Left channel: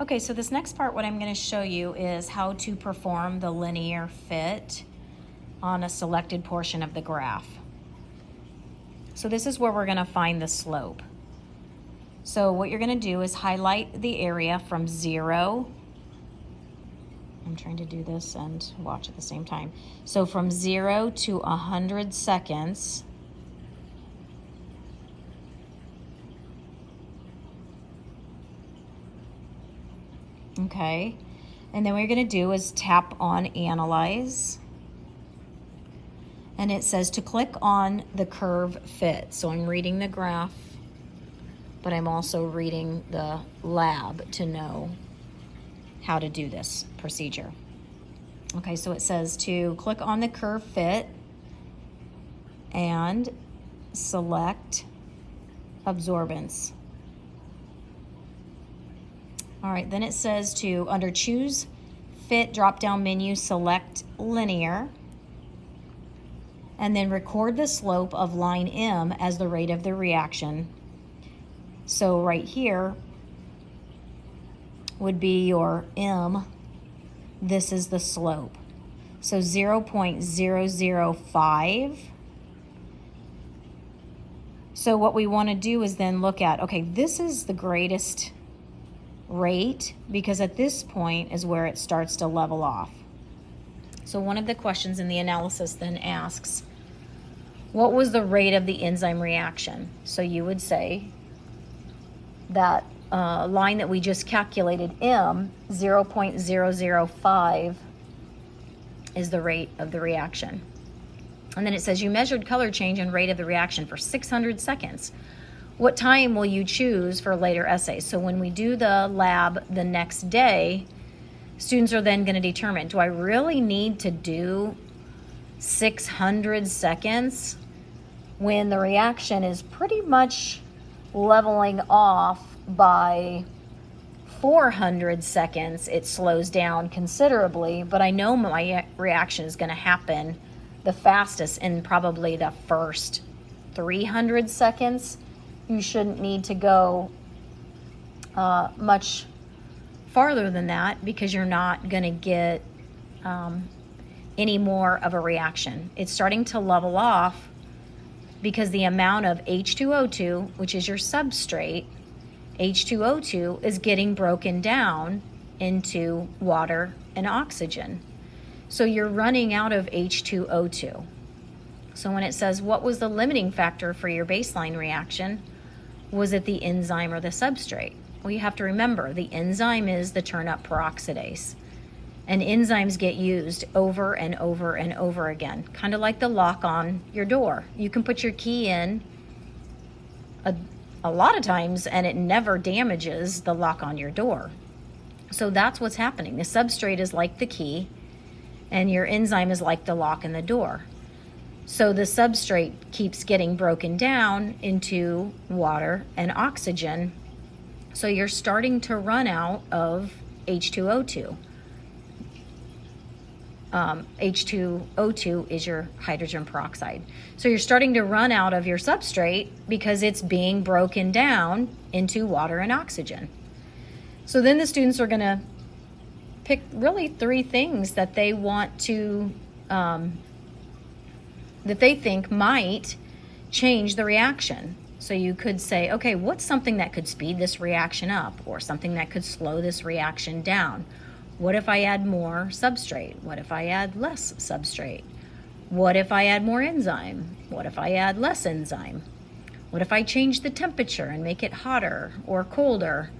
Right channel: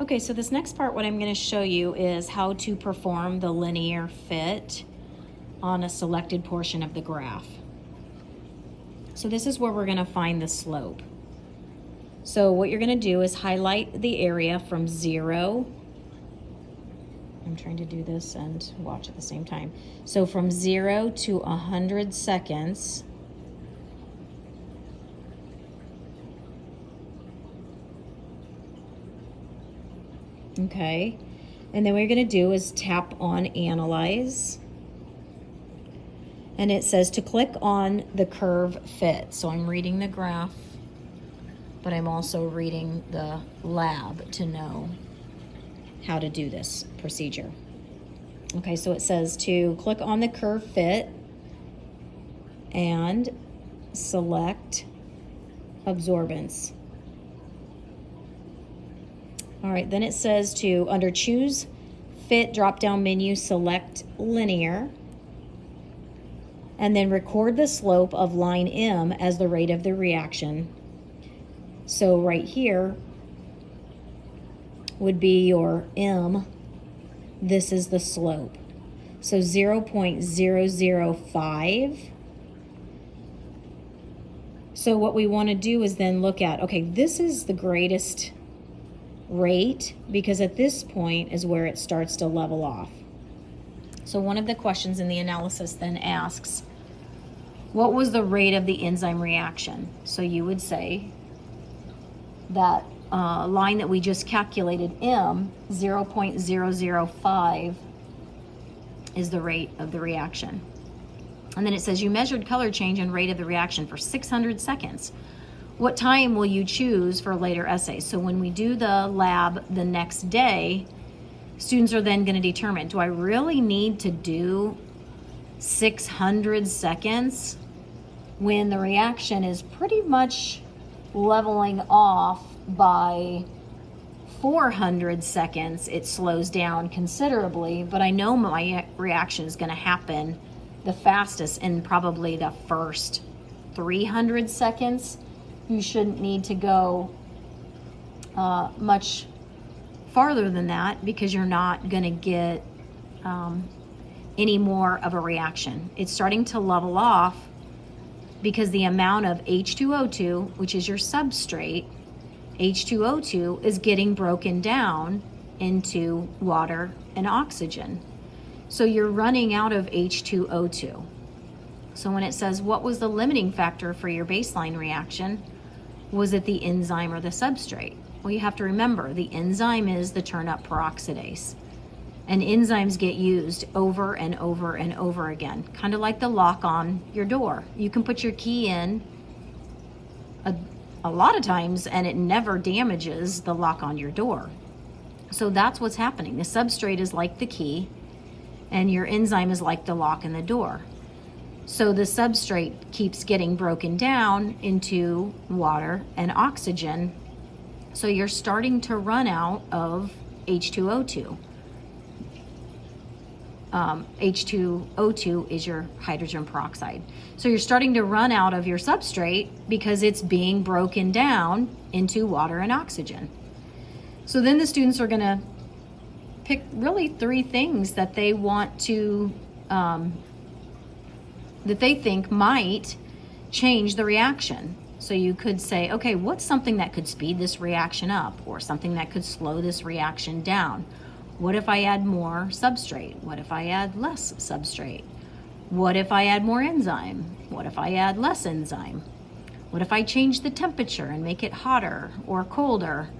Okay, so this next part, what I'm going to show you is how to perform the linear fit on a selected portion of the graph. So this is where we're going to find the slope. So what you're going to do is highlight the area from 0. I'm trying to do this and watch at the same time. So from 0 to 100 seconds. Okay, and then what you're going to do is tap on Analyze. And it says to click on the curve fit. So I'm reading the graph, but I'm also reading the lab to know how to do this procedure. Okay, so it says to click on the curve fit and select absorbance. All right, then it says to, under choose fit drop-down menu, select linear, and then record the slope of line M as the rate of the reaction. So right here would be your M. This is the slope. So 0.005. So what we want to do is then look at, okay, this is the greatest rate because at this point is where it starts to level off. So one of the questions in the analysis then asks, what was the rate of the enzyme reaction? So you would say that line that we just calculated, M, 0.005 is the rate of the reaction. And then it says you measured color change and rate of the reaction for 600 seconds. What time will you choose for later essays? So when we do the lab the next day, students are then going to determine, do I really need to do 600 seconds when the reaction is pretty much leveling off by 400 seconds? It slows down considerably, but I know my reaction is going to happen the fastest in probably the first 300 seconds. You shouldn't need to go much farther than that because you're not going to get any more of a reaction. It's starting to level off because the amount of H2O2, which is your substrate, H2O2 is getting broken down into water and oxygen. So you're running out of H2O2. So when it says, what was the limiting factor for your baseline reaction? Was it the enzyme or the substrate? Well, you have to remember the enzyme is the turn-up peroxidase. And enzymes get used over and over and over again, kind of like the lock on your door. You can put your key in a lot of times and it never damages the lock on your door. So that's what's happening. The substrate is like the key and your enzyme is like the lock in the door. So the substrate keeps getting broken down into water and oxygen. So you're starting to run out of H2O2. H2O2 is your hydrogen peroxide. So you're starting to run out of your substrate because it's being broken down into water and oxygen. So then the students are going to pick really 3 things that they want to that they think might change the reaction. So you could say, okay, what's something that could speed this reaction up or something that could slow this reaction down? What if I add more substrate? What if I add less substrate? What if I add more enzyme? What if I add less enzyme? What if I change the temperature and make it hotter or colder?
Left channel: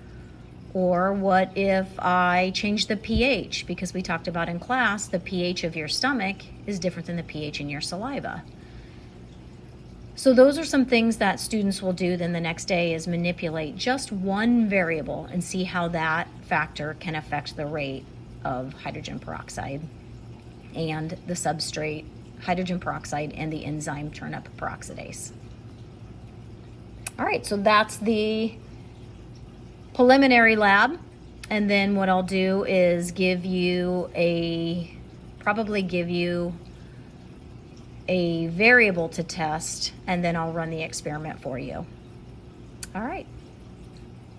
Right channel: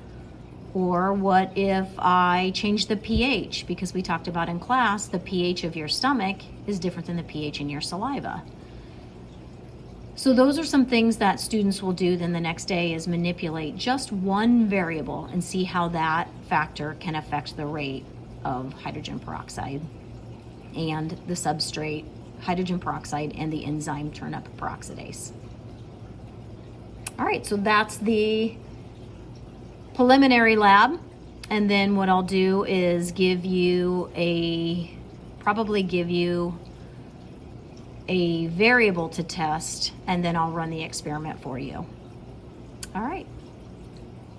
Or what if I change the pH? Because we talked about in class, the pH of your stomach is different than the pH in your saliva. So those are some things that students will do then the next day is manipulate just one variable and see how that factor can affect the rate of hydrogen peroxide and the substrate, hydrogen peroxide, and the enzyme turn-up peroxidase. All right, so that's the preliminary lab, and then what I'll do is probably give you a variable to test, and then I'll run the experiment for you. All right.